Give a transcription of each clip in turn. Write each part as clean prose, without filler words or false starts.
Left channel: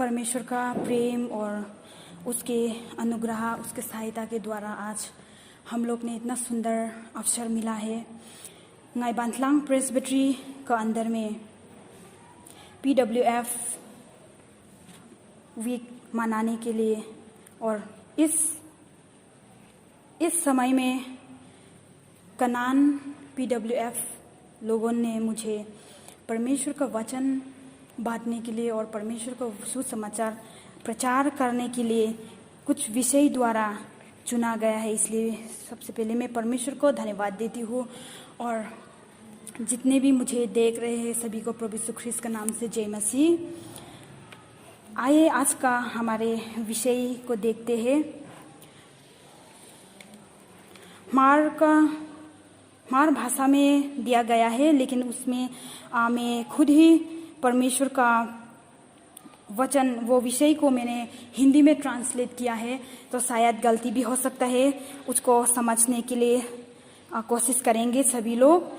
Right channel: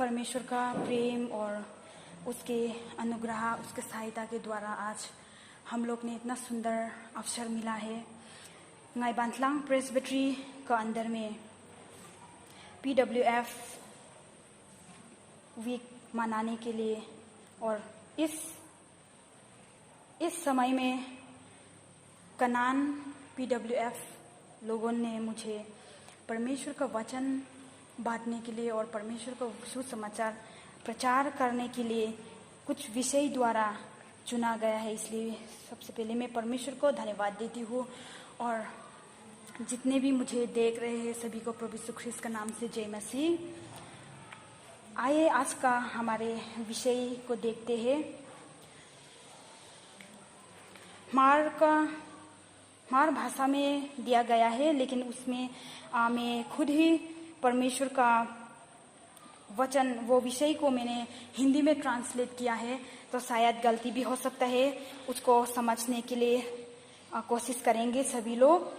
परमेश्वर का प्रेम और उसके अनुग्रह, उसके सहायता के द्वारा आज हम लोग ने इतना सुंदर अवसर मिला है Ngai Bantlang प्रेसबिटरी का अंदर में PWF वीक मनाने के लिए। और इस समय में कनान PWF लोगों ने मुझे परमेश्वर का वचन बांटने के लिए और परमेश्वर का सुसमाचार प्रचार करने के लिए कुछ विषय द्वारा चुना गया है। इसलिए सबसे पहले मैं परमेश्वर को धन्यवाद देती हूँ और जितने भी मुझे देख रहे हैं सभी को प्रभु यीशु ख्रिस्त का नाम से जय मसीह। आइए आज का हमारे विषय को देखते हैं। मार भाषा में दिया गया है, लेकिन उसमें मैं खुद ही परमेश्वर का वचन वो विषय को मैंने हिंदी में ट्रांसलेट किया है, तो शायद गलती भी हो सकता है। उसको समझने के लिए कोशिश करेंगे सभी लोग।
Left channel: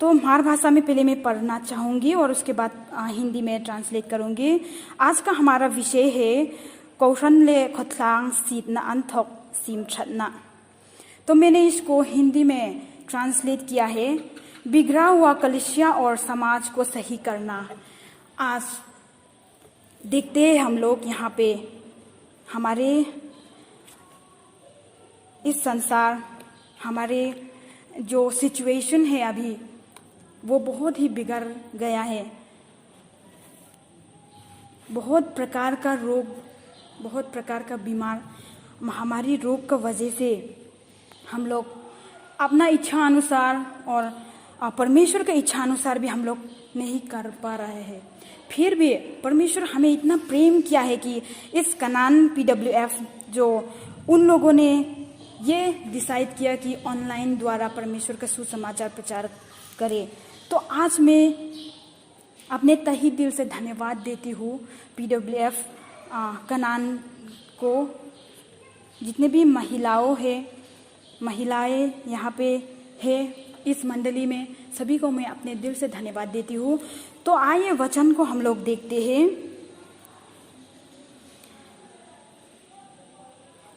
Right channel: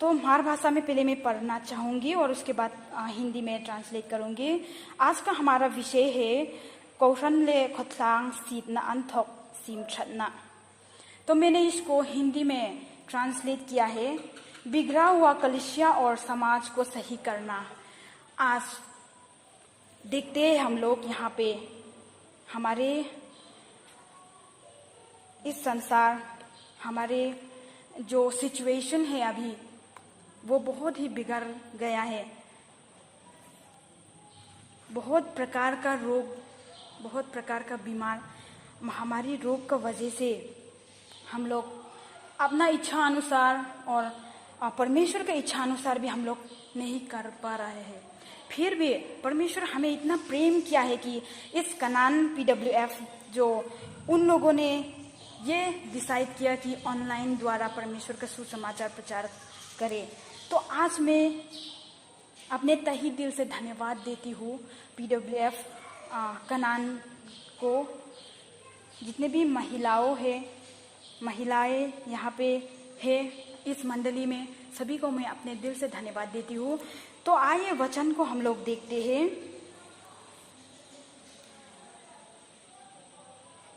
तो मार भाषा में पहले मैं पढ़ना चाहूँगी और उसके बाद हिंदी में ट्रांसलेट करूँगी। आज का हमारा विषय है कौशन्य खोथलांग सीतना अंथोक सीम छटना। तो मैंने इसको हिंदी में ट्रांसलेट किया है, बिगड़ा हुआ कलीसिया और समाज को सही करना। आज देखते हैं हम लोग यहाँ पे हमारे इस संसार, हमारे जो सिचुएशन है अभी वो बहुत ही बिगड़ गया है। बहुत प्रकार का रोग, बहुत प्रकार का बीमार महामारी रोग का वजह से हम लोग अपना इच्छा अनुसार और परमेश्वर के इच्छा अनुसार भी हम लोग नहीं कर पा रहे हैं। फिर भी परमेश्वर हमें इतना प्रेम किया है कि इस कनान PWF जो उन लोगों ने ये डिसाइड किया कि ऑनलाइन द्वारा परमेश्वर का सुसमाचार प्रचार करे। तो आज मैं अपने तहे दिल से धन्यवाद देती हूँ PWF कनान को। जितने भी महिलाएं यहाँ पे है इस मंडली में, सभी को मैं अपने दिल से धन्यवाद देती हूँ। तो आइए वचन को हम लोग देखते हैं।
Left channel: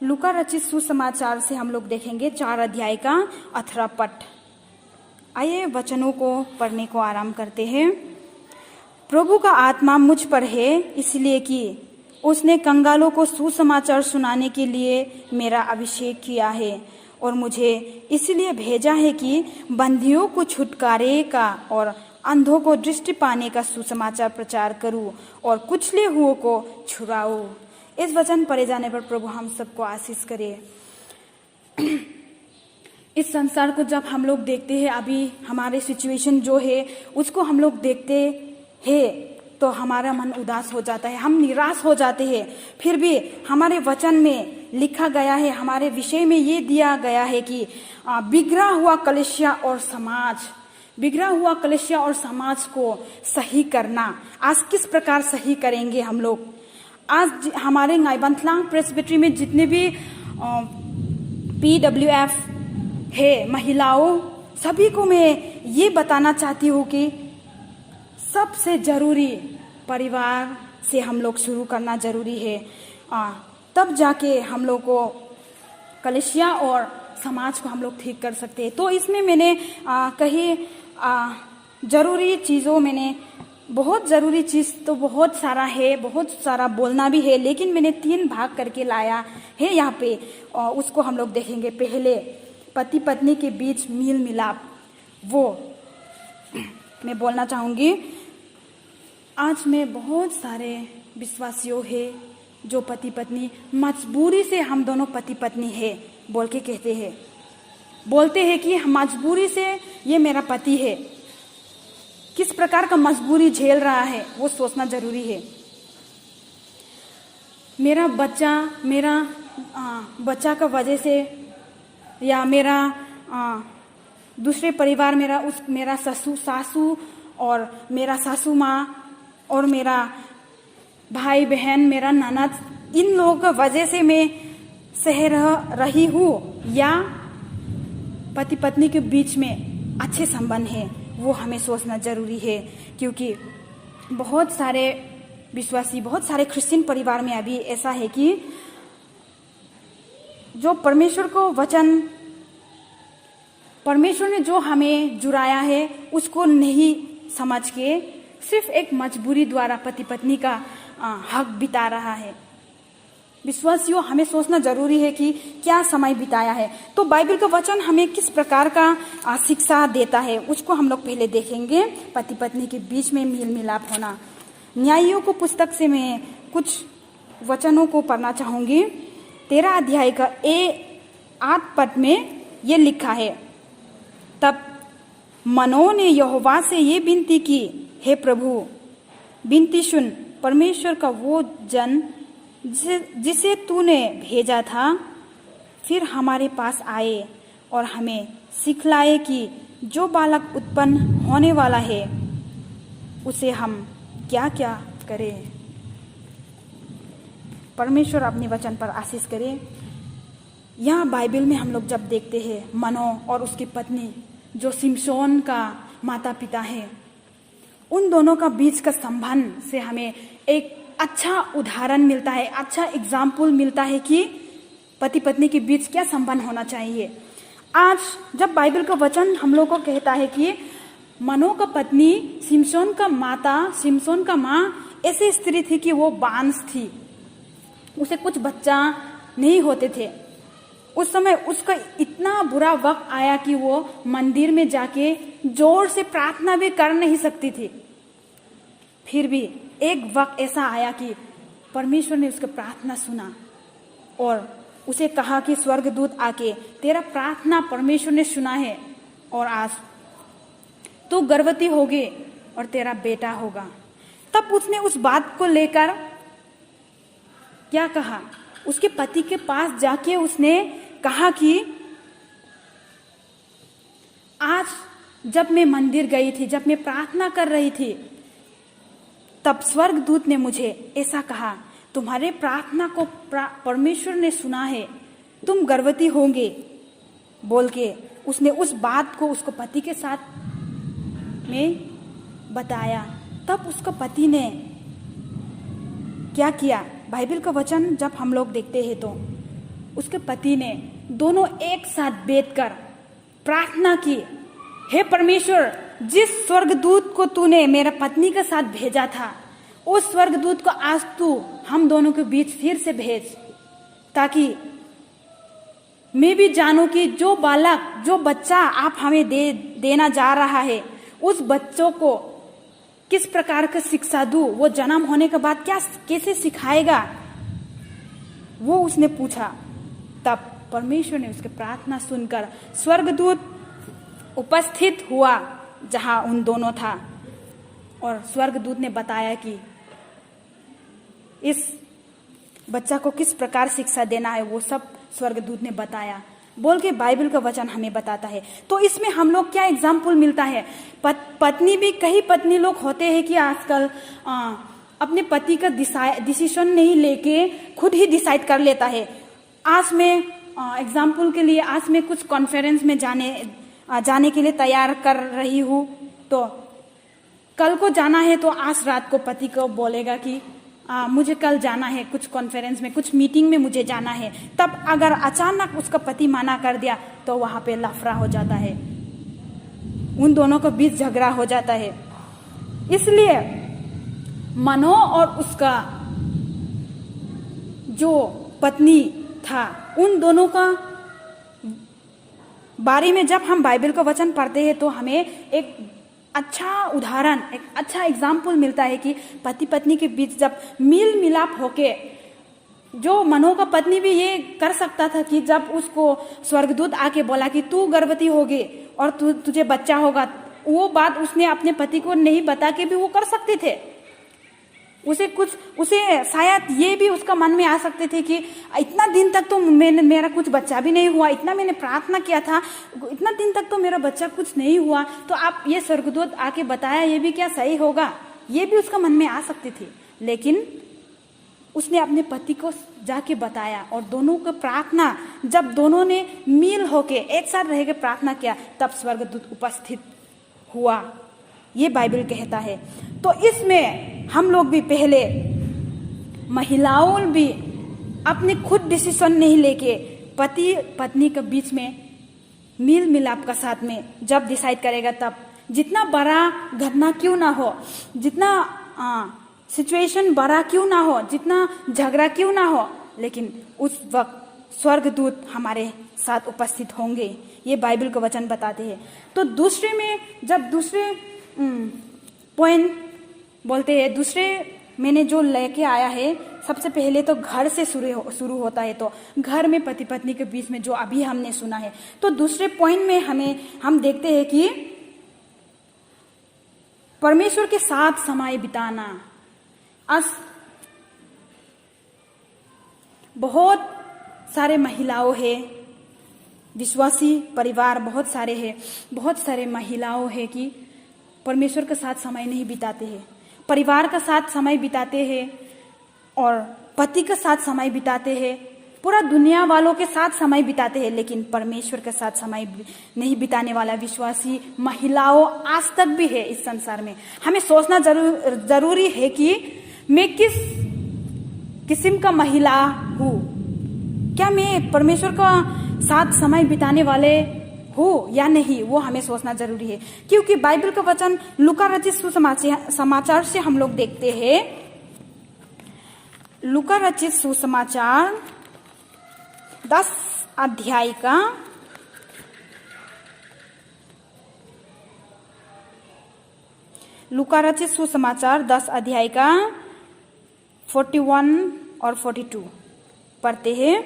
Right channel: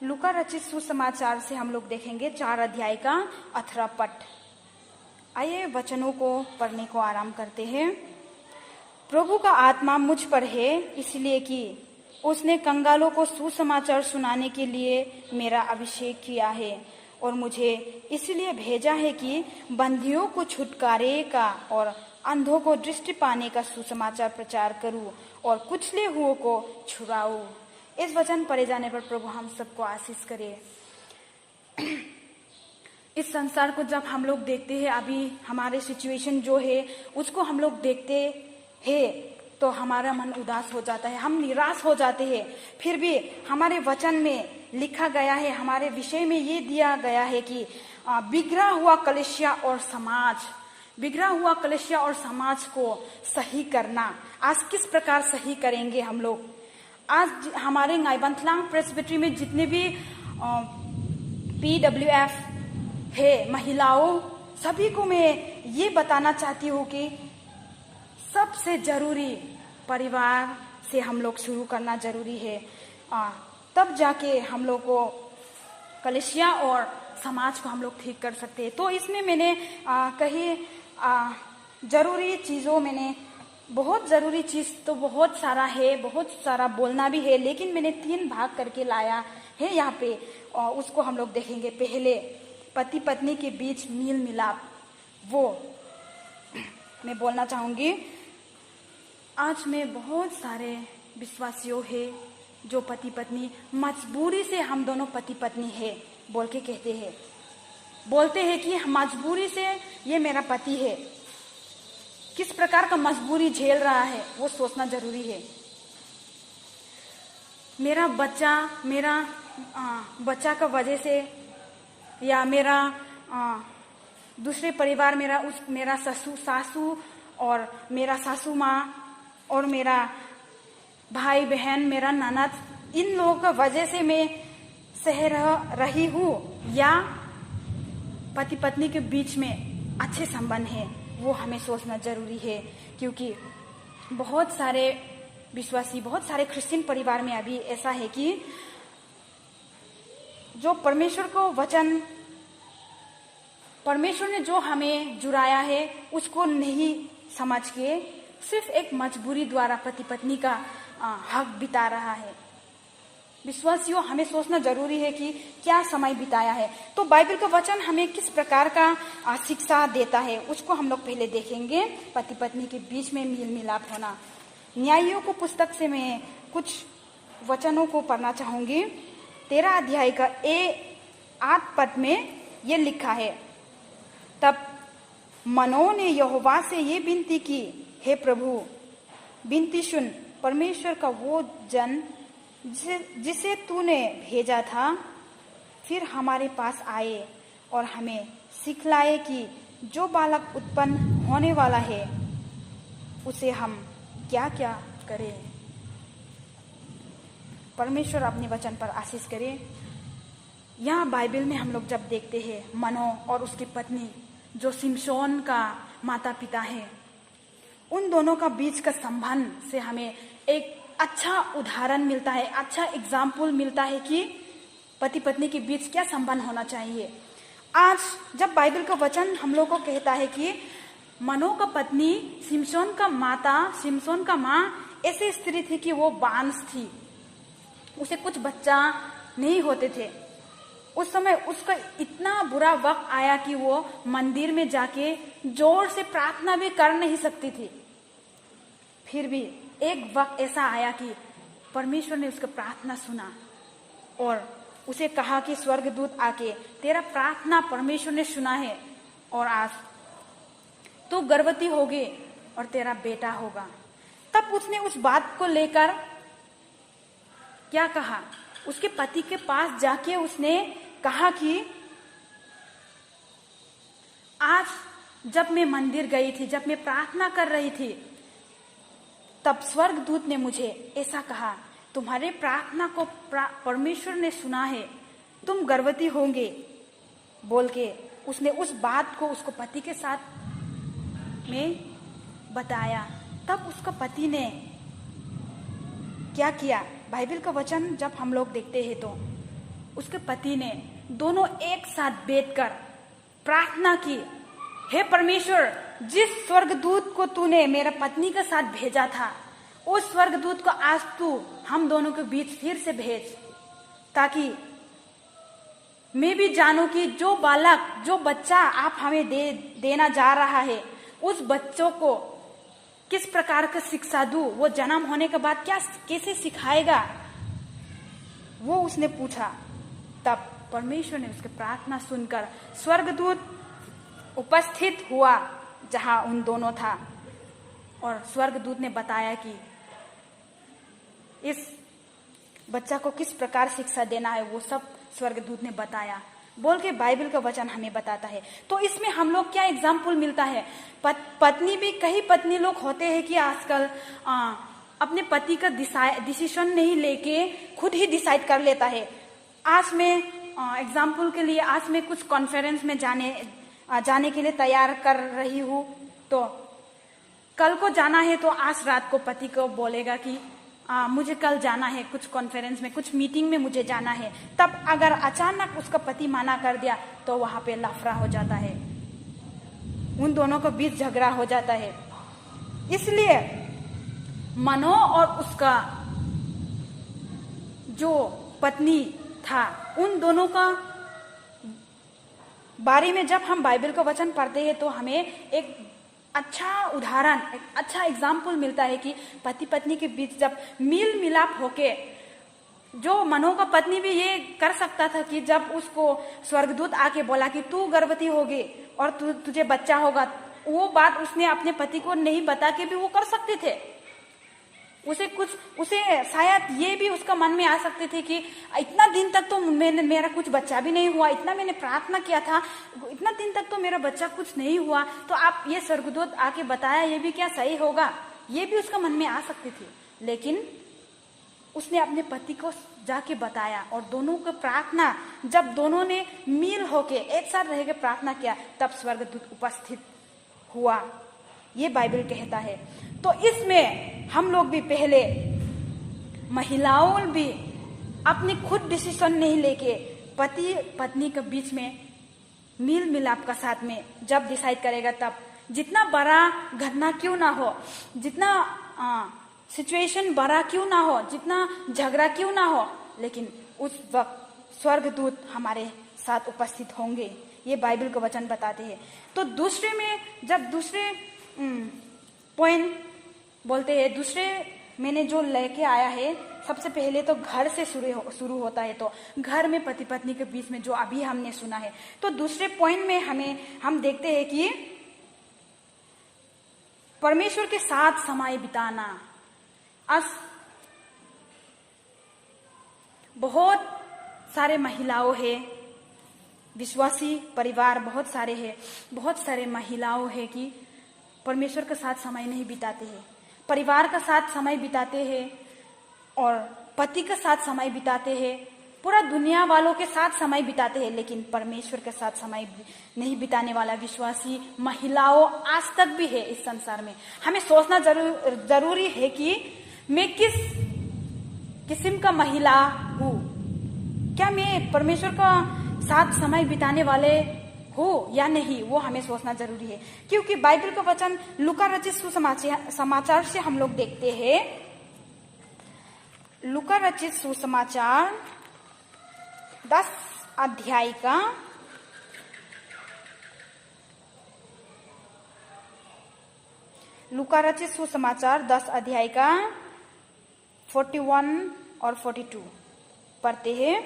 लूका रचित सुसमाचार से हम लोग देखेंगे 4 अध्याय का 18 पद। आइए वचनों को पढ़ने को आराम करते हैं। प्रभु का आत्मा मुझ पर है, इसलिए कि उसने कंगालों को सुसमाचार सुनाने के लिए मेरा अभिषेक किया है और मुझे इसलिए भेजा है कि बंदियों को छुटकारे का और अंधों को दृष्टि पाने का सुसमाचार प्रचार करूं और कुचले हुओं को छुड़ाऊं। इस वचन पढ़े जाने पर प्रभु हम सबको आशीष करे। इस संसार को जब हम लोग देखते हैं, अभी हमारे सिचुएशन जो है उसको हम लोग देखते हैं तो हमारा मन उदास हो जाता है, हम निराश हो जाते हैं। फिर भी हमारे वचन में लिखा गया है, हमारे विषय में ये दिया गया है कि बिगड़ा हुआ कलीसिया और समाज को सही करना। आज किस प्रकार सही करेंगे हम लोग? आज हमारे नाई बंतलांग प्रेसबिटरी में जितने भी PWF है महिलाओं, सभी को मैं ये बताना चाहती हूँ कि सबसे जरूरी परिवार से हम लोग शुरू करना जरूरी है। तब जाके हम लोग को कलीसिया और समाज को हम लोग ठीक कर सकते हैं। तो इसमें मैंने कही जरूरी चीज़ों, मैंने बहुत ज़रूरी चीज़ तो बहुत सारा है, बहुत सारा बोलना भी है, लेकिन मैंने 3 भाग करके लाया है यहाँ पे। उसको हम लोग देखेंगे। पहले पति पत्नी के बीच मेल मिलाप, वो मैं बोलना चाहूँगी। आज में बहुत सारे विश्वासियों है जो पति पत्नी मजबूरी से, हम दोनों पति पत्नी है बोल के बोलते हैं कि मजबूरी से ये मेरा पति है। किस प्रकार का मजबूरी झेल रहा है वो सोचना जरूरी है। मेरा बच्चा का वजह से, या मेरा दूसरे परिवार, मेरा सासू और मेरा सासू माँ और मेरा भाई बहन, मेरा ननद, इन लोगों की वजह से मैं सह रही हूँ, या पति पत्नी के बीच में अच्छे संबंध है, वो हमें सोचना जरूरी है। क्योंकि बहुत सारे विश्वासी, बहुत सारे क्रिश्चियन परिवार में अभी ऐसा है कि जो परमेश्वर को वचन, परमेश्वर ने जो हमें जुड़ाया है उसको नहीं समझ के सिर्फ एक मजबूरी द्वारा पति पत्नी का हक बिता रहा है। विश्वासियों, हमें सोचना जरूरी है कि क्या समय बिताया है। तो बाइबल का वचन हमें किस प्रकार का शिक्षा देता है उसको हम लोग पहले देखेंगे। पति पत्नी के बीच में मेल मिलाप होना। न्यायियों को पुस्तक से मैं कुछ वचनों को पढ़ना चाहूंगी। 13 अध्याय का 8 पद में ये लिखा है, तब मनोह ने यहोवा से ये विनती की, हे प्रभु, विनती सुन, परमेश्वर का वो जन जिसे तूने भेजा था फिर हमारे पास आए और हमें सिखलाए कि जो बालक उत्पन्न होने वाला है उसे हम क्या क्या करें। परमेश्वर अपने वचन पर आशीष करे। यहाँ बाइबल में हम लोग जब देखते हैं मनोह और उसकी पत्नी जो सिमशोन का माता पिता है, उन दोनों का बीच का संबंध से हमें एक अच्छा उदाहरण मिलता है, अच्छा एग्जाम्पल मिलता है कि पति पत्नी के बीच क्या संबंध होना चाहिए। आज जब बाइबल का वचन हम लोग को कहता है कि मनोह का पत्नी सिमशोन का माता, सिमशोन का माँ ऐसी स्त्री थी कि वो बांस थी, उसे कुछ बच्चा नहीं होते थे। उस समय उसका इतना बुरा वक्त आया कि वो मंदिर में जाके जोर से प्रार्थना भी कर नहीं सकती थी। फिर भी एक वक्त ऐसा आया कि परमेश्वर ने उसकी प्रार्थना सुना और उसे कहा कि स्वर्गदूत आके तेरा प्रार्थना परमेश्वर ने सुना है और आज तू गर्भवती होगी और तेरा बेटा होगा। तब उसने उस बात को लेकर क्या कहा, उसके पति के पास जाके उसने कहा कि आज जब मैं मंदिर गई थी, जब मैं प्रार्थना कर रही थी, तब स्वर्गदूत ने मुझे ऐसा कहा, तुम्हारे प्रार्थना को परमेश्वर ने सुना है, तुम गर्भवती होंगे बोल के उसने उस बात को उसको पति के साथ में बताया। तब उसका पति ने क्या किया, बाइबल का वचन जब हम लोग देखते हैं तो उसके पति ने दोनों एक साथ बैठकर प्रार्थना की, हे परमेश्वर, जिस स्वर्गदूत को तूने मेरा पत्नी के साथ भेजा था उस स्वर्गदूत को आज तू हम दोनों के बीच फिर से भेज, ताकि मैं भी जानूं कि जो बालक, जो बच्चा आप हमें देना जा रहा है उस बच्चों को किस प्रकार का शिक्षा दूं, वो जन्म होने के बाद क्या कैसे सिखाएगा, वो उसने पूछा। तब परमेश्वर ने उसकी प्रार्थना सुनकर स्वर्गदूत उपस्थित हुआ जहां उन दोनों था और स्वर्गदूत ने बताया कि इस बच्चा को किस प्रकार शिक्षा देना है, वो सब स्वर्गदूत ने बताया बोल के बाइबल का वचन हमें बताता है। तो इसमें हम लोग क्या एग्जाम्पल मिलता है, पत्नी भी, कई पत्नी लोग होते हैं कि आजकल अपने पति का डिसीजन नहीं लेके खुद ही डिसाइड कर लेता है। आज मैं एग्जाम्पल के लिए आज मैं कुछ कॉन्फ्रेंस में जाने के लिए तैयार कर रही हूँ, तो कल को जाना है तो आज रात को पति को बोलेगा कि मुझे कल जाना है कुछ कॉन्फ्रेंस में, कुछ मीटिंग में मुझे जाना है। तब अगर अचानक उसका पति मना कर दिया तो वहां पे लफड़ा हो जाता है, उन दोनों के बीच झगड़ा हो जाता है। इसलिए मनोह और उसका जो पत्नी था, उन दोनों का बारे में जब हम बाइबल का वचन पढ़ते हैं तो हमें एक अच्छा उदाहरण, एक अच्छा एग्जाम्पल मिलता है कि पति पत्नी के बीच जब मेल मिलाप होके, जो मनोह का पत्नी भी ये कर सकता था कि जब उसको स्वर्गदूत आके बोला कि तू गर्भवती होगी और तुझे बच्चा होगा, वो बात उसने अपने पति को नहीं बता के भी वो कर सकते थे। उसे शायद ये भी उसका मन में आ सकते थे कि इतना दिन तक तो मेरा कुछ बच्चा भी नहीं हुआ, इतना मैंने प्रार्थना किया था, इतना दिन तक तो मेरा बच्चा कुछ नहीं हुआ, तो आप ये स्वर्गदूत आके बताया, ये भी क्या सही होगा, ये भी उसका मन में आ सकती थी। लेकिन उसने अपने पति को जाके बताया और दोनों को प्रार्थना, जब दोनों ने मिल होके एक साथ रह के प्रार्थना किया, तब स्वर्गदूत उपस्थित हुआ, ये बाइबल कहता है। तो इसमें हम लोग भी पहले महिलाओं भी अपने खुद डिसीजन नहीं लेके पति पत्नी के बीच में मिल मिलाप का साथ में जब डिसाइड करेगा, तब जितना बड़ा घटना क्यों ना हो, जितना सिचुएशन बड़ा क्यों ना हो, जितना झगड़ा क्यों ना हो, लेकिन उस वक्त स्वर्गदूत हमारे साथ उपस्थित होंगे। ये बाइबल का वचन बताते हैं। तो दूसरे में जब दूसरे पॉइंट बोलते हैं, दूसरे मैंने जो लेके आया है, सबसे पहले तो घर से शुरू होता है। तो घर में पति पत्नी के बीच में जो अभी हमने सुना है, तो दूसरे पॉइंट में हम देखते हैं कि परमेश्वर के साथ समय बिताना। आज बहुत सारे महिलाओं है, विश्वासी परिवार बहुत सारे हैं, बहुत सारे महिलाओं है कि परमेश्वर के साथ समय नहीं बिताते हैं, परिवार का साथ समय बिताते हैं और पति के साथ समय बिताते हैं, पूरा दुनिया वालों के साथ समय बिताते हैं, लेकिन परमेश्वर के साथ समय नहीं बिताने वाला विश्वासी महिलाओं आज तक भी है इस संसार में। हमें सोचना जरूरी है कि मैं किस किस्म का महिला हूँ, क्या मैं परमेश्वर का साथ समय बिताने वाले हो या नहीं, वो हमें सोचना जरूरी है। क्योंकि बाइबल का वचन लूका रचित सुसमाचार से हम लोग देखते हैं। लूका रचित सुसमाचार 10 अध्याय का 41 और 42 पढ़ते हैं।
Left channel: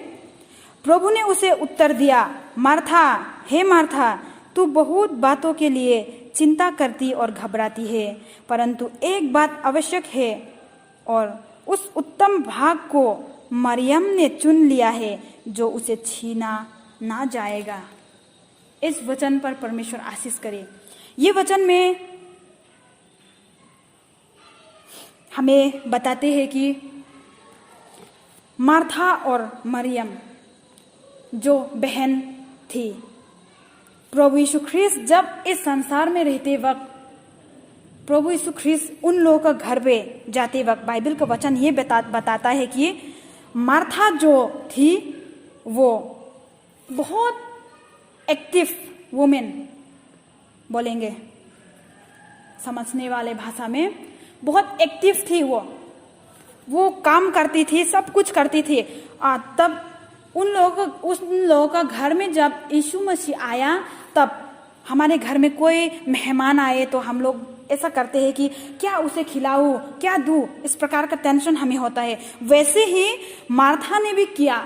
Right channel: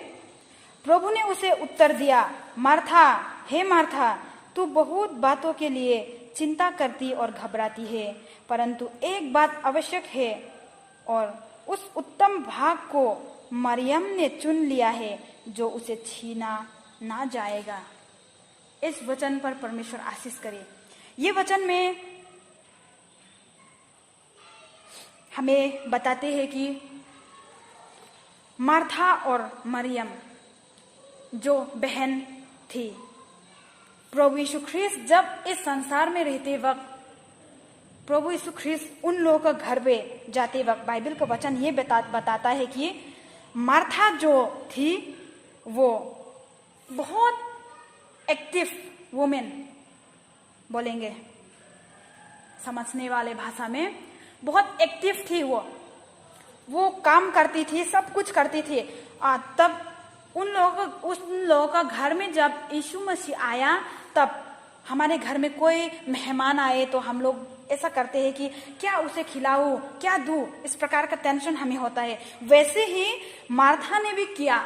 प्रभु ने उसे उत्तर दिया, मार्था, हे मार्था, तू बहुत बातों के लिए चिंता करती और घबराती है, परंतु एक बात आवश्यक है और उस उत्तम भाग को मरियम ने चुन लिया है, जो उसे छीना ना जाएगा। इस वचन पर परमेश्वर आशीष करे। ये वचन में हमें बताते हैं कि मार्था और मरियम जो बहन थी, प्रभु यीशु ख्रीस्त जब इस संसार में रहते वक्त, प्रभु यीशु ख्रीस्त उन लोगों का घर पे जाते वक्त बाइबल का वचन ये बताता है कि मार्था जो थी वो बहुत एक्टिव वुमेन, बोलेंगे समझने वाले भाषा में, बहुत एक्टिव थी। वो काम करती थी, सब कुछ करती थी। तब उन लोगों का घर में जब यीशु मसीह आया, तब हमारे घर में कोई मेहमान आए तो हम लोग ऐसा करते हैं कि क्या उसे खिलाऊं, क्या दूं, इस प्रकार का टेंशन हमें होता है। वैसे ही मार्था ने भी किया।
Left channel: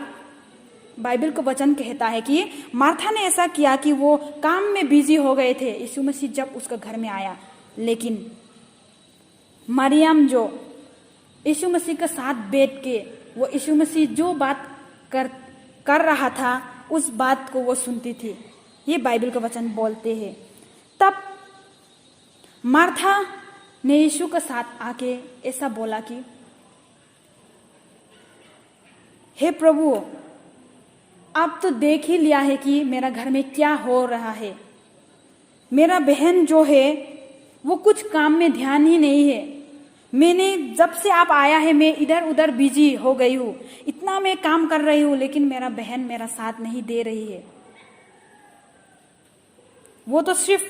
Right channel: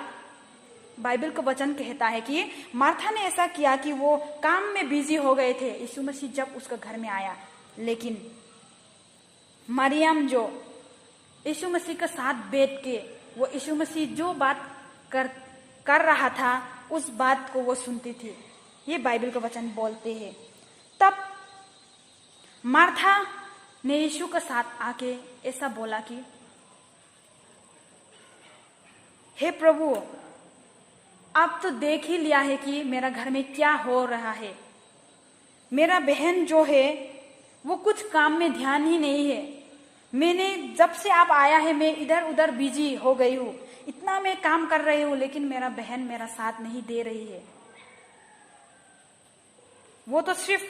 बाइबल का वचन कहता है कि मार्था ने ऐसा किया कि वो काम में बिजी हो गए थे यीशु मसीह जब उसका घर में आया। लेकिन मरियम जो यीशु मसीह के साथ बैठ के वो यीशु मसीह जो बात कर रहा था, उस बात को वो सुनती थी। ये बाइबल का वचन बोलते हैं। तब मार्था ने यीशु के साथ आके ऐसा बोला कि हे प्रभु, आप तो देख ही लिया है कि मेरा घर में क्या हो रहा है। मेरा बहन जो है वो कुछ काम में ध्यान ही नहीं है। मैंने जब से आप आया है मैं इधर उधर बिजी हो गई हूँ, इतना मैं काम कर रही हूँ, लेकिन मेरा बहन मेरा साथ नहीं दे रही है। वो तो सिर्फ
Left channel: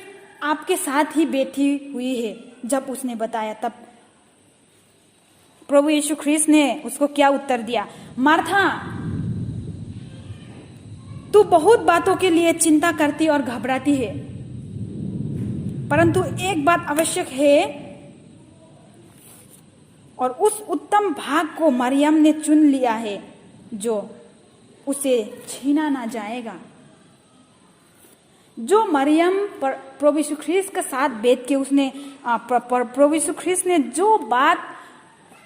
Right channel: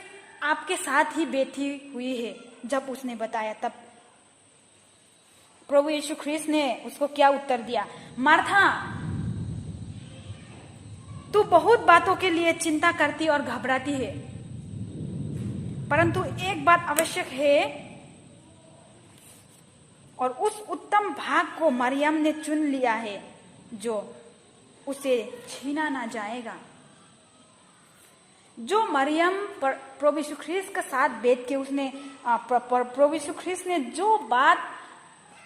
आपके साथ ही बैठी हुई है। जब उसने बताया, तब प्रभु यीशु ख्रीस्त ने उसको क्या उत्तर दिया, मार्था, तू बहुत बातों के लिए चिंता करती और घबराती है, परंतु एक बात आवश्यक है और उस उत्तम भाग को मरियम ने चुन लिया है, जो उसे छीना ना जाएगा। जो मरियम प्रभु यीशु ख्रीस्त के साथ बैठ के उसने प्रभु यीशु ख्रीस्त ने जो बात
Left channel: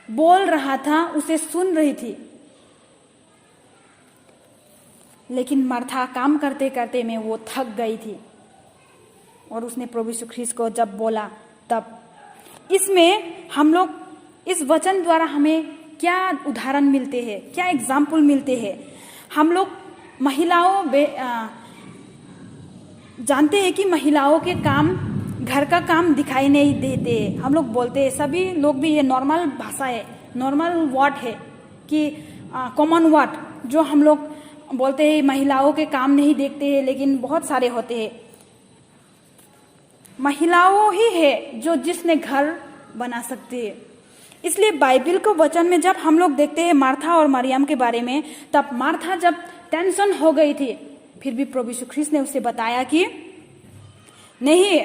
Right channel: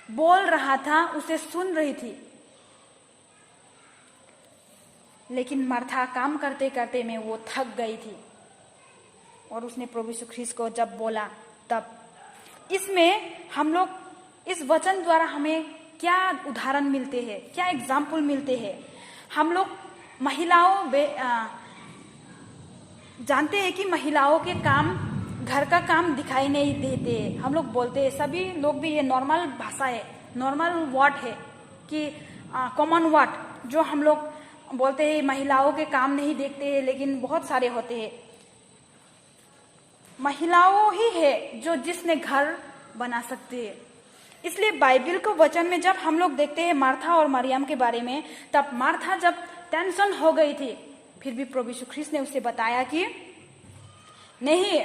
बोल रहा था उसे सुन रही थी। लेकिन मार्था काम करते करते में वो थक गई थी और उसने प्रभु यीशु ख्रीस्त को जब बोला, तब इसमें हम लोग इस वचन द्वारा हमें क्या उदाहरण मिलते हैं, क्या एग्जाम्पल मिलते हैं। हम लोग महिलाओं जानते हैं कि महिलाओं के काम, घर का काम दिखाई नहीं देते। हम लोग बोलते हैं, सभी लोग भी, ये नॉर्मल भाषा है, नॉर्मल वर्ड है कि कॉमन वर्ड जो हम लोग बोलते हैं महिलाओं के काम नहीं देखते हैं, लेकिन बहुत सारे होते हैं। महिलाओं ही है जो जिसने घर बना सकती है। इसलिए बाइबल को वचन में जब हम लोग देखते हैं मार्था और मरियम के बारे में, तब मार्था जब टेंशन हो गई थी, फिर भी प्रभु यीशु ख्रीस्त ने उसे बताया कि नहीं,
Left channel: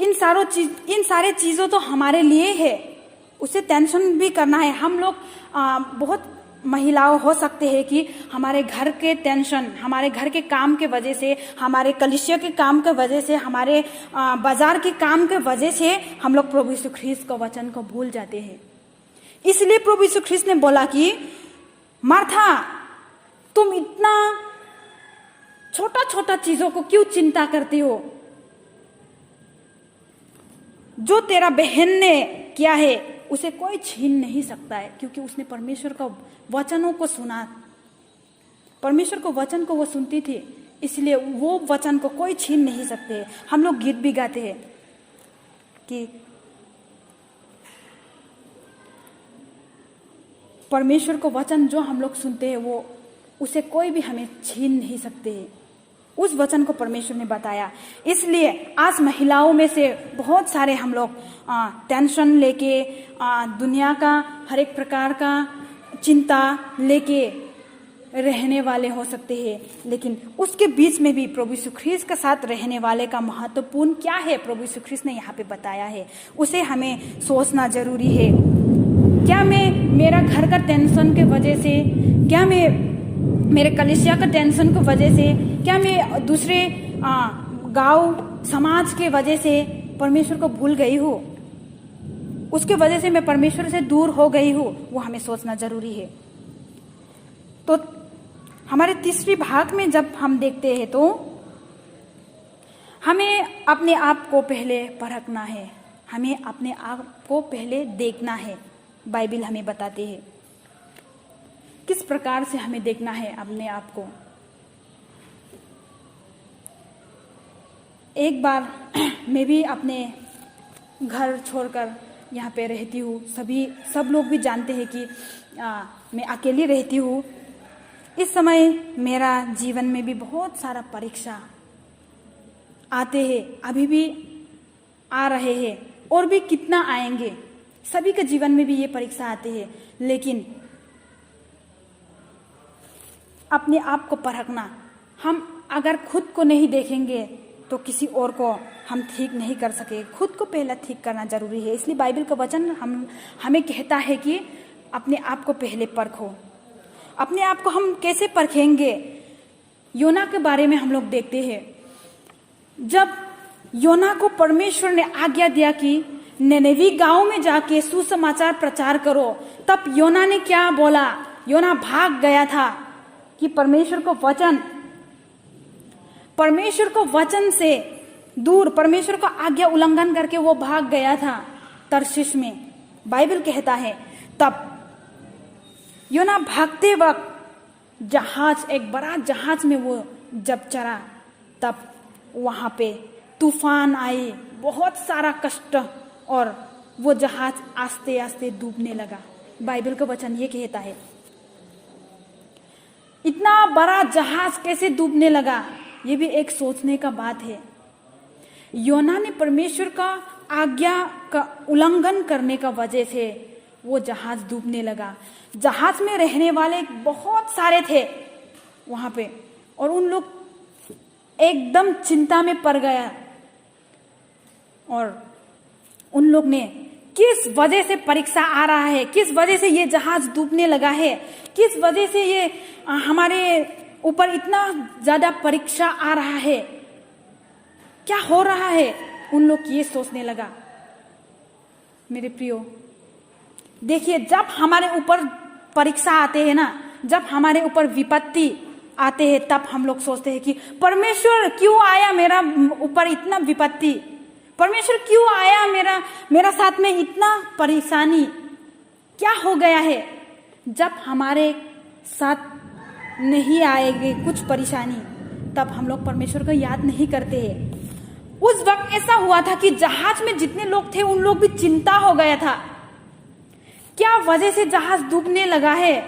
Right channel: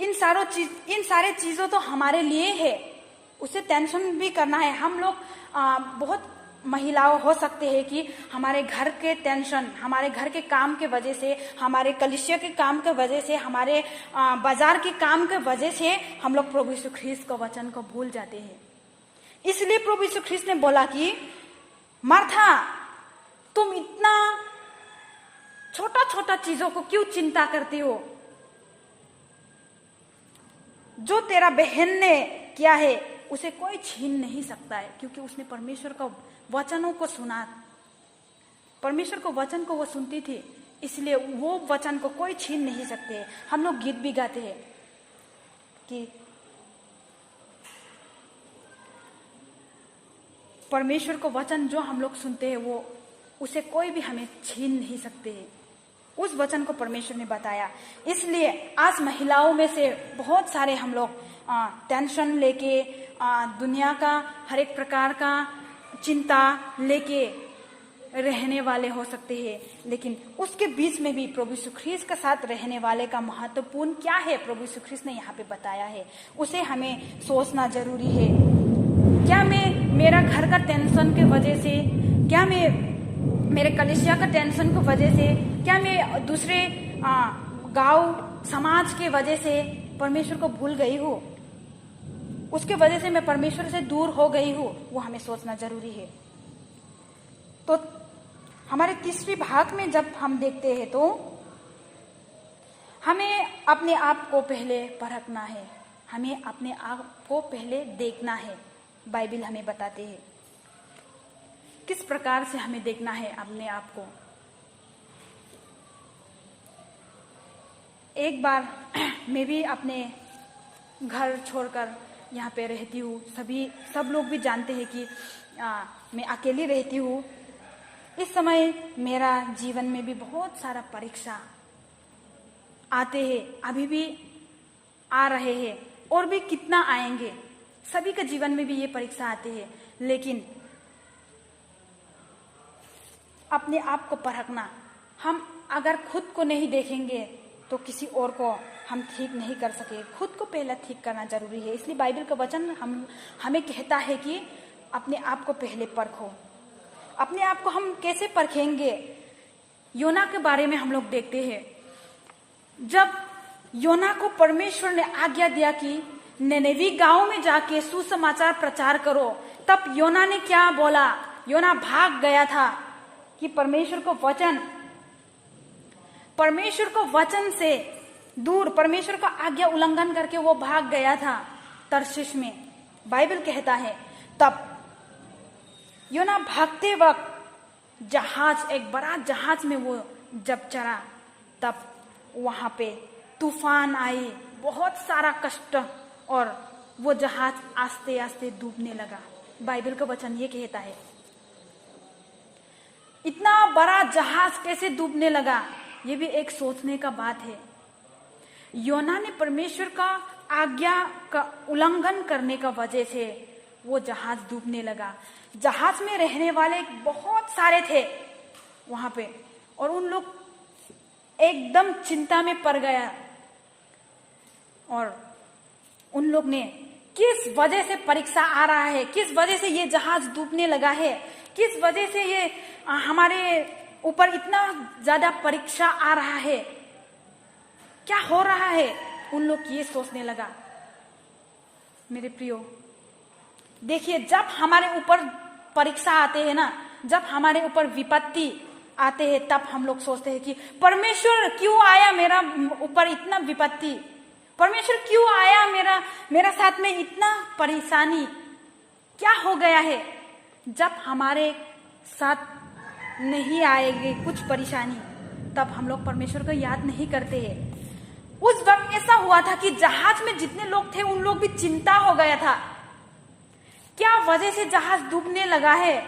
इन सारे चीजों तो हमारे लिए है, उसे टेंशन भी करना है। हम लोग बहुत महिलाओं हो सकते हैं कि हमारे घर के टेंशन, हमारे घर के काम के वजह से, हमारे कलीसिया के काम के वजह से, हमारे बाजार के काम के वजह से हम लोग प्रभु यीशु ख्रीस्त का वचन को भूल जाते हैं। इसलिए प्रभु यीशु ख्रीस्त ने बोला कि मार्था, तुम इतना छोटा छोटा चीजों को क्यों चिंता करती हो? जो तेरा बहन ने किया है उसे कोई छीन नहीं सकता है, क्योंकि उसने परमेश्वर का वचनों को सुना, परमेश्वर को वचन को वो सुनती थी, इसलिए वो वचन को कोई छीन नहीं सकते। हम लोग गीत भी गाते हैं कि परमेश्वर को वचन जो हम लोग सुनते हैं वो उसे कोई भी हमें छीन नहीं सकते। उस वचन को परमेश्वर ने बताया। इसलिए आज महिलाओं में से बहुत सारे हम लोग टेंशन लेके, दुनिया का हर एक प्रकार का चिंता लेके रहने वाले हो सकते हैं, लेकिन उसके बीच में भी प्रभु यीशु ख्रीस्त के साथ रहने वाले का महत्वपूर्ण क्या है, प्रभु यीशु ख्रीस्त ने यहाँ पे बताया है। उसे हमें सोचना जरूरी है। क्या मैं मेरा घर का टेंशन के वजह से, क्या मैं मेरे कलीसिया का टेंशन की वजह से, क्या मैं दूसरे गांव समाज के वजह से परमेश्वर को भूल गई हूँ, उसके वजह से मैं परमेश्वर से दूर हो गई हूँ? वो हमें सोचना जरूरी है। तो हमारे तीसरी भाग में जब हम देखते हैं तो हमें अपने आप को पहले परखना है, हमें अपने आप को पहले देखना है। बाइबल हमें बताते हैं किस प्रकार से हमें देखना है अपने आप को। एक बार मैं भी अपने घर छोड़कर यहाँ पे रहती हूँ। सब लोग भी जानते हैं कि मैं अकेली रहती हूँ। इस समय मेरा जीवन में भी बहुत सारा परीक्षा आते हैं, अभी भी आ रहे हैं और भी कितना आएंगे। सभी के जीवन में भी ये परीक्षा आते हैं, लेकिन अपने आप को परखना, हम अगर खुद को नहीं देखेंगे तो किसी और को हम ठीक नहीं कर सके। खुद को पहला ठीक करना जरूरी है। इसलिए बाइबल का वचन हमें कहता है कि अपने आप को पहले परखो। अपने आप को हम कैसे परखेंगे? योना के बारे में हम लोग देखते हैं। जब योना को परमेश्वर ने आज्ञा दिया कि निनेवी गांव में जाके सुसमाचार प्रचार करो, तब योना ने क्या बोला? योना भाग गया था कि परमेश्वर को वचन से दूर, परमेश्वर का आज्ञा उल्लंघन करके वो भाग गया था तर्शीश में। बाइबल कहता है तब योना भागते वक्त एक बड़ा जहाज में वो जब चढ़ा, तब वहां पे तूफान आई, बहुत सारा कष्ट, और वो जहाज आस्ते आस्ते डूबने लगा। बाइबल का वचन ये कहता है। इतना बड़ा जहाज कैसे डूबने लगा, ये भी एक सोचने का बात है। योना ने परमेश्वर का आज्ञा का उल्लंघन करने का वजह से वो जहाज डूबने लगा। जहाज में रहने वाले बहुत सारे थे वहां पे, और उन लोग एकदम चिंता में पड़ गया, और उन लोग ने किस वजह से परीक्षा आ रहा है, किस वजह से ये जहाज डूबने लगा है, किस वजह से ये हमारे ऊपर इतना ज्यादा परीक्षा आ रहा है, क्या हो रहा है, उन लोग ये सोचने लगा। मेरे प्रियो, देखिए, जब हमारे ऊपर परीक्षा आते हैं ना, जब हमारे ऊपर विपत्ति आते हैं, तब हम लोग सोचते हैं कि परमेश्वर क्यों आया मेरा ऊपर इतना विपत्ति, परमेश्वर क्यों आया मेरा साथ में इतना परेशानी, क्या हो गया है। जब हमारे साथ नहीं आएगी कुछ परेशानी, तब हम लोग परमेश्वर को याद नहीं करते हैं। उस वक्त ऐसा हुआ था कि जहाज में जितने लोग थे उन लोग भी चिंता हो गया था क्या वजह से जहाज डूबने लगा है,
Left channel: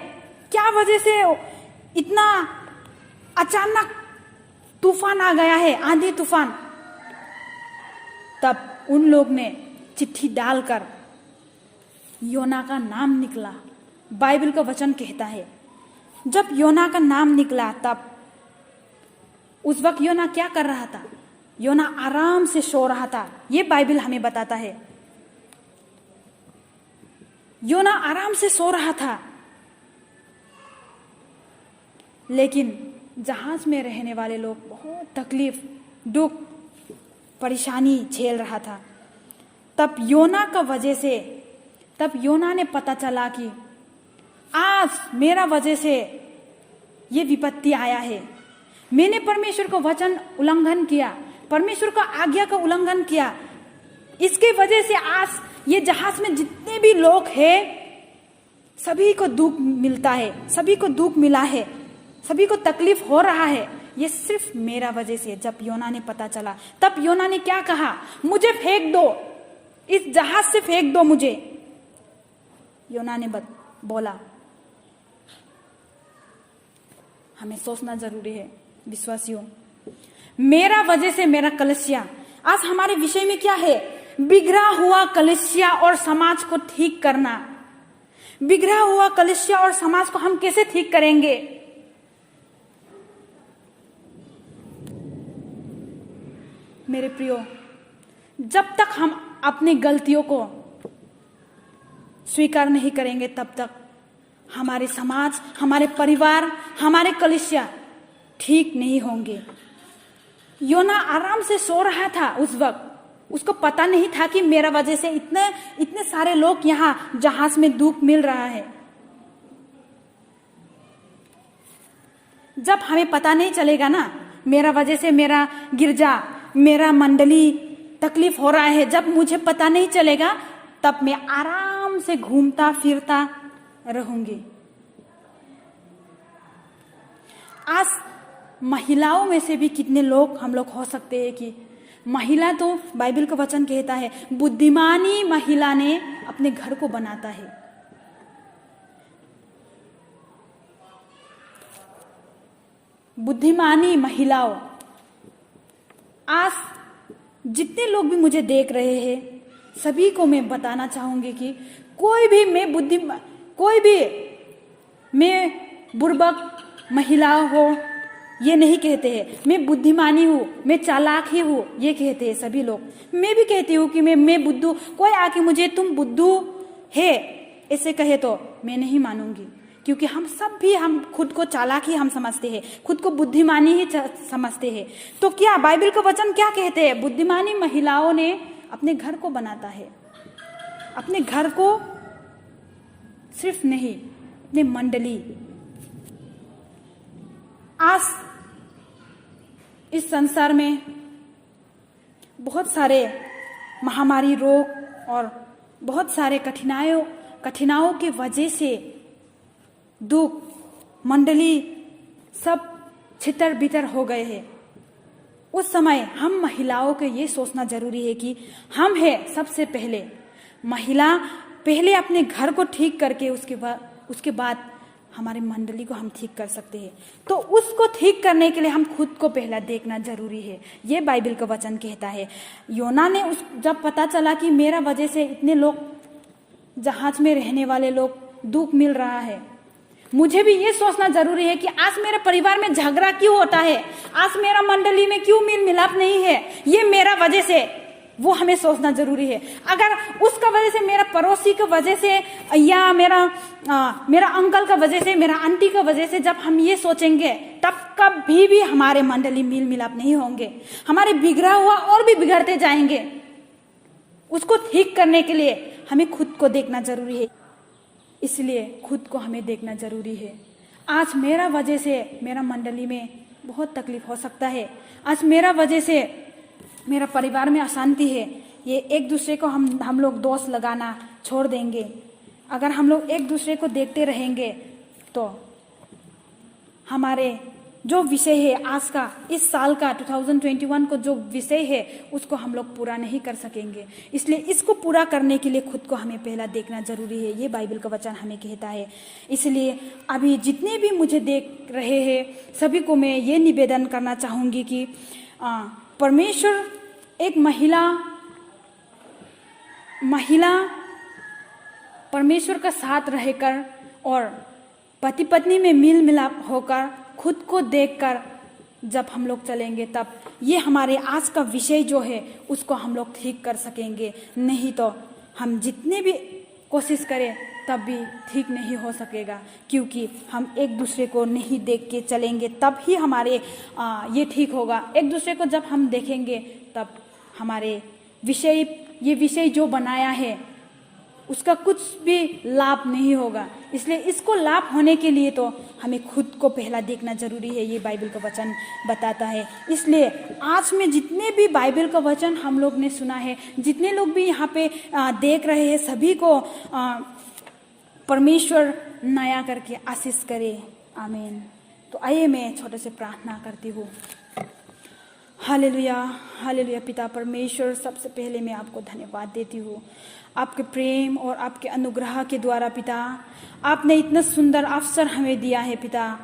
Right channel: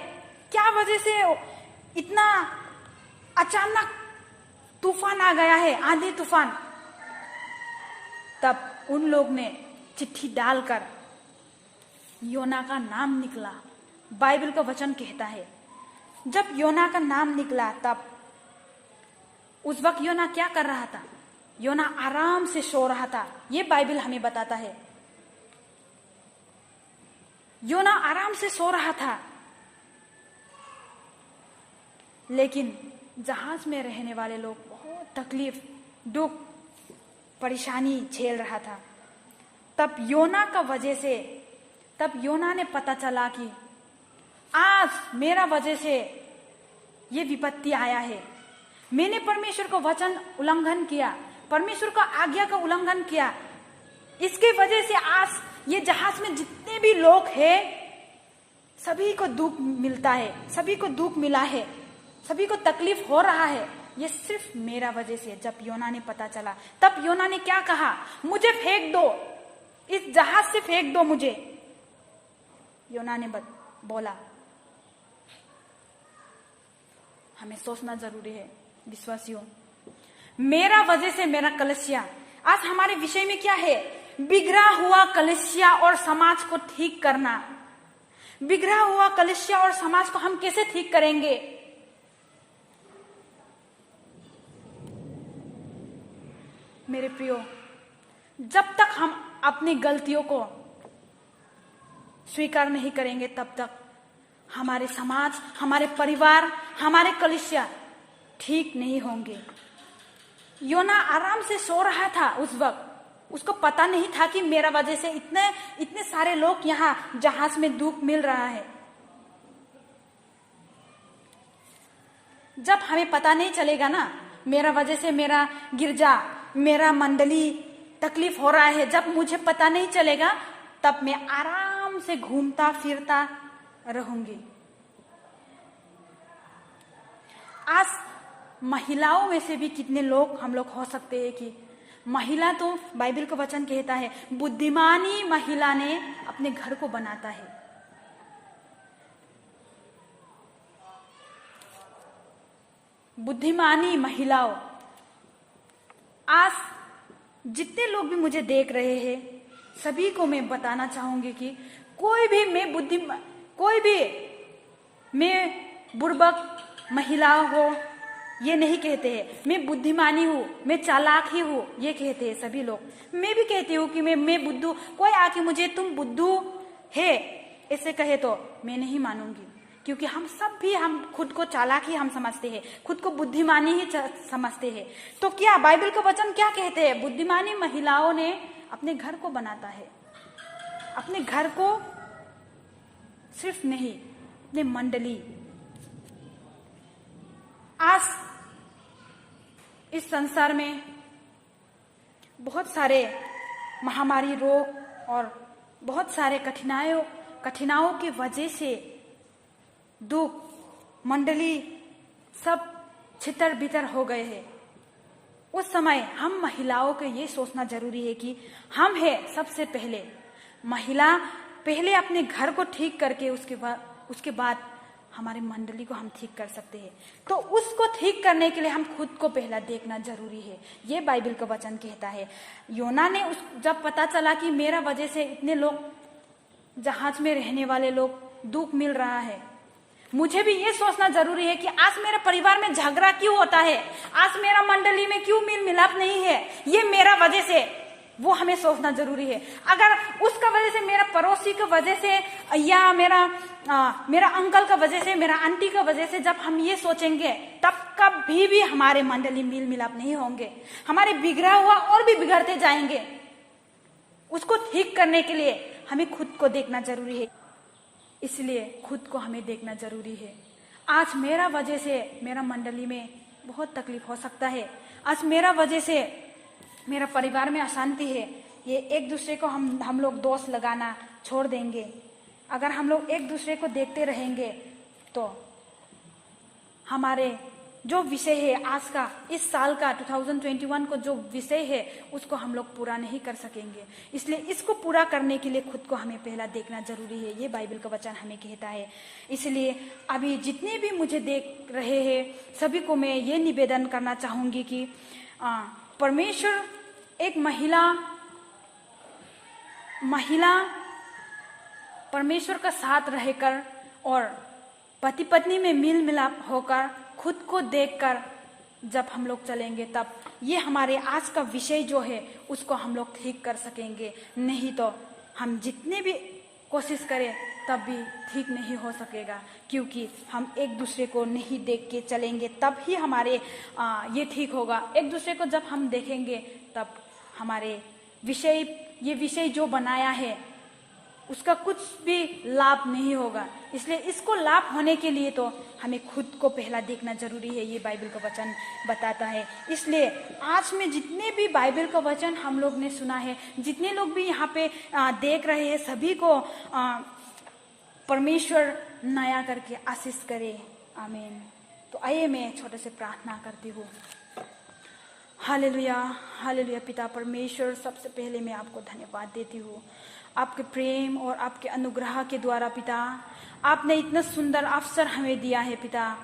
क्या वजह से इतना अचानक तूफान आ गया है, आंधी तूफान। तब उन लोग ने चिट्ठी डालकर योना का नाम निकला। बाइबल का वचन कहता है जब योना का नाम निकला तब उस वक्त योना क्या कर रहा था? योना आराम से सो रहा था। ये बाइबल हमें बताता है योना आराम से सो रहा था, लेकिन जहाज में रहने वाले लोग बहुत तकलीफ, दुख, परेशानी झेल रहा था। तब योना ने पता चला कि आज मेरा वजह से ये विपत्ति आया है। मैंने परमेश्वर का वचन उल्लंघन किया, परमेश्वर का आज्ञा का उल्लंघन किया। इसके वजह से आज ये जहाज में जितने भी लोग हैं सभी को दुख मिलता है, सभी को दुख मिला है, सभी को तकलीफ हो रहा है। ये सिर्फ मेरा वजह से। जब योना ने पता चला तब योना ने क्या कहा? मुझे फेंक दो, इस जहाज से फेंक दो मुझे। योना ने बोला। हमें सोचना जरूरी है विश्वासियों, मेरा वजह से मेरा कलीसिया, आज हमारे विषय में क्या है? बिगड़ा हुआ कलीसिया और समाज को ठीक करना। बिगड़ा हुआ कलीसिया और समाज को हम कैसे ठीक करेंगे? मेरे प्रियो, जब तक हम अपनी गलतियों को स्वीकार नहीं करेंगे तब तक हमारे समाज, हमारे परिवार, हमारे कलीसिया ठीक नहीं होंगे। योना आराम से सो रहा था उस वक्त। उसको पता नहीं था कि मेरा वजह से इतने सारे लोग यहाँ जहाज में दुख मिल रहा है। जब हमें पता नहीं चलेगा ना, मेरा वजह से मेरा गिरजा, मेरा मंडली तकलीफ हो रहा है, जब मुझे पता नहीं चलेगा तब मैं आराम से घूमता फिरता रहूंगी। आज महिलाओं में से भी कितने लोग हम लोग हो सकते हैं कि महिला, तो बाइबल का वचन कहता है बुद्धिमानी महिला ने अपने घर को बनाता है। बुद्धिमानी महिलाओं, आज जितने लोग भी मुझे देख रहे हैं सभी को मैं बताना चाहूंगी कि कोई भी मैं बुर्बक महिला हो ये नहीं कहते हैं। मैं बुद्धिमानी हूँ, मैं चालाक ही हूँ ये कहते हैं सभी लोग। मैं भी कहती हूँ कि मैं बुद्धू। कोई आके मुझे तुम बुद्धू है ऐसे कहे तो मैं नहीं मानूंगी, क्योंकि हम खुद को चालाक ही हम समझते हैं, खुद को बुद्धिमानी ही समझते हैं। तो क्या बाइबल का वचन क्या कहते हैं? बुद्धिमानी महिलाओं ने अपने घर को बनाता है। अपने घर को सिर्फ नहीं, अपने मंडली। आज इस संसार में बहुत सारे महामारी, रोग और बहुत सारे कठिनाइयों की वजह से दुख, मंडली सब छितर बितर हो गए हैं। उस समय हम महिलाओं को ये सोचना जरूरी है कि हम है सबसे पहले महिला, पहले अपने घर को ठीक करके उसके बाद हमारी मंडली को हम ठीक कर सकते हैं। तो उसको ठीक करने के लिए हम खुद को पहला देखना जरूरी है। ये बाइबल का वचन कहता है। योना ने जब पता चला कि मेरा वजह से इतने लोग, जहाज में रहने वाले लोग दुख मिल रहा है, मुझे भी ये सोचना जरूरी है कि आज मेरे परिवार में झगड़ा क्यों होता है, आज मेरा मंडली में क्यों मेल मिलाप नहीं है, ये मेरा वजह से, वो हमें सोचना जरूरी है। अगर उसका वजह से, मेरा पड़ोसी का वजह से, या मेरा अंकल का वजह से, मेरा आंटी का वजह से जब हम ये सोचेंगे तब कभी भी हमारे मंडली मेल मिलाप नहीं होंगे। हमारे बिगड़ा हुआ और भी बिगड़ते जाएंगे। उसको ठीक करने के लिए हमें खुद को देखना जरूरी है। इसलिए खुद को हमें देखना जरूरी है। आज मेरा वजह से मेरा मंडली में बहुत तकलीफ हो सकता है, आज मेरा वजह से मेरा परिवार में अशांति है। ये एक दूसरे को हम लोग दोष लगाना छोड़ देंगे। अगर हम लोग एक दूसरे को देखते रहेंगे तो हमारे जो विषय है आज का, इस साल का 2021 को जो विषय है उसको हम लोग पूरा नहीं कर सकेंगे। इसलिए इसको पूरा करने के लिए खुद को हमें पहला देखना जरूरी है, ये बाइबल का वचन हमें कहता है। इसलिए अभी जितने भी मुझे देख रहे हैं सभी को मैं ये निवेदन करना चाहूँगी कि परमेश्वर एक महिला परमेश्वर का साथ रहकर और पति पत्नी में मेल मिलाप होकर खुद को देखकर जब हम लोग चलेंगे तब ये हमारे आज का विषय जो है उसको हम लोग ठीक कर सकेंगे। नहीं तो हम जितने भी कोशिश करें तब भी ठीक नहीं हो सकेगा, क्योंकि हम एक दूसरे को नहीं देख के चलेंगे तब ही हमारे ये ठीक होगा। एक दूसरे को जब हम देखेंगे तब हमारे ये विषय जो बनाया है उसका कुछ भी लाभ नहीं होगा। इसलिए इसको लाभ होने के लिए तो हमें खुद को पहला देखना जरूरी है, ये बाइबल का वचन बताता है। इसलिए आज में जितने भी बाइबल का वचन हम लोग ने सुना है, जितने लोग भी यहाँ पे देख रहे हैं, सभी को परमेश्वर नया करके आशीष करे। आमीन। तो आइए मैं छोटे से प्रार्थना करती हूँ। Hallelujah, hallelujah. पिता परमेश्वर, सबसे पहले मैं आपको धन्यवाद देती हूँ आपके प्रेम और आपके अनुग्रह के द्वारा। पिता, आपने इतना सुंदर अवसर हमें दिया है। पिता,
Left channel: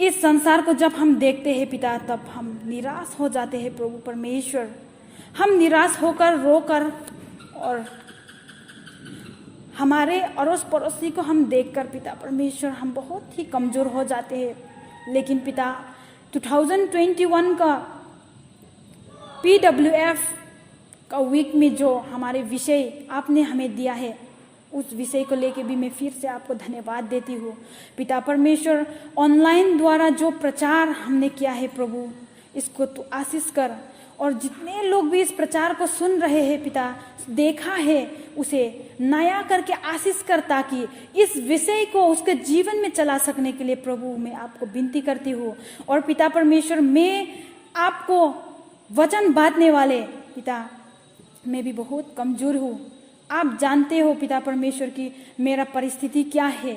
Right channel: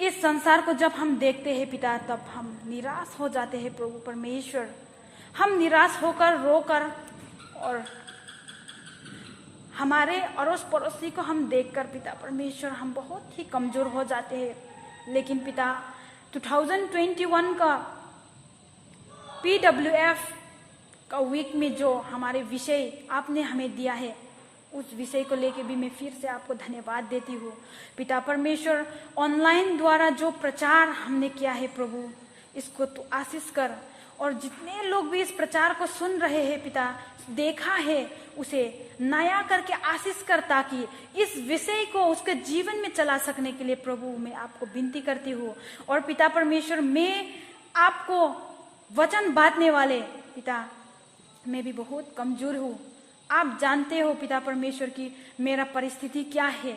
इस संसार को जब हम देखते हैं पिता तब हम निराश हो जाते हैं। प्रभु परमेश्वर, हम निराश होकर रोकर और हमारे अड़ोस पड़ोसी को हम देखकर पिता परमेश्वर हम बहुत ही कमजोर हो जाते हैं। लेकिन पिता 2021 का PWF का वीक में जो हमारे विषय आपने हमें दिया है उस विषय को लेके भी मैं फिर से आपको धन्यवाद देती हूँ। पिता परमेश्वर, ऑनलाइन द्वारा जो प्रचार हमने किया है प्रभु, इसको तो आशीष कर, और जितने लोग भी इस प्रचार को सुन रहे हैं पिता, देखा है, उसे नया करके आशीष कर, ताकि इस विषय को उसके जीवन में चला सकने के लिए प्रभु मैं आपको विनती करती हूँ। और पिता परमेश्वर, मैं आपको वचन बांटने वाले पिता, मैं भी बहुत कमजोर हूँ। आप जानते हो पिता परमेश्वर की मेरा परिस्थिति क्या है।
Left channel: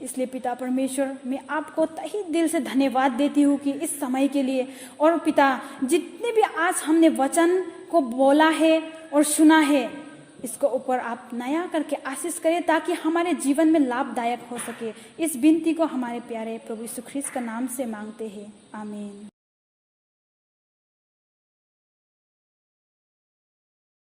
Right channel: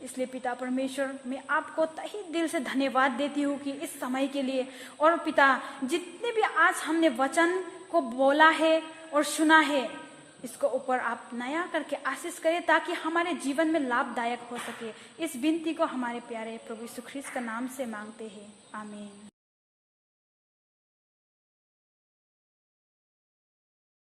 इसलिए पिता परमेश्वर, मैं आपको तहे दिल से धन्यवाद देती हूँ कि इस समय के लिए। और पिता, जितने भी आज हमने वचन को बोला है और सुना है, इसको ऊपर आप नया करके आशीष करें ताकि हमारे जीवन में लाभदायक हो सके। इस विनती को हमारे प्यारे प्रभु यीशु ख्रीस्त का नाम से मांगते हैं। आमीन।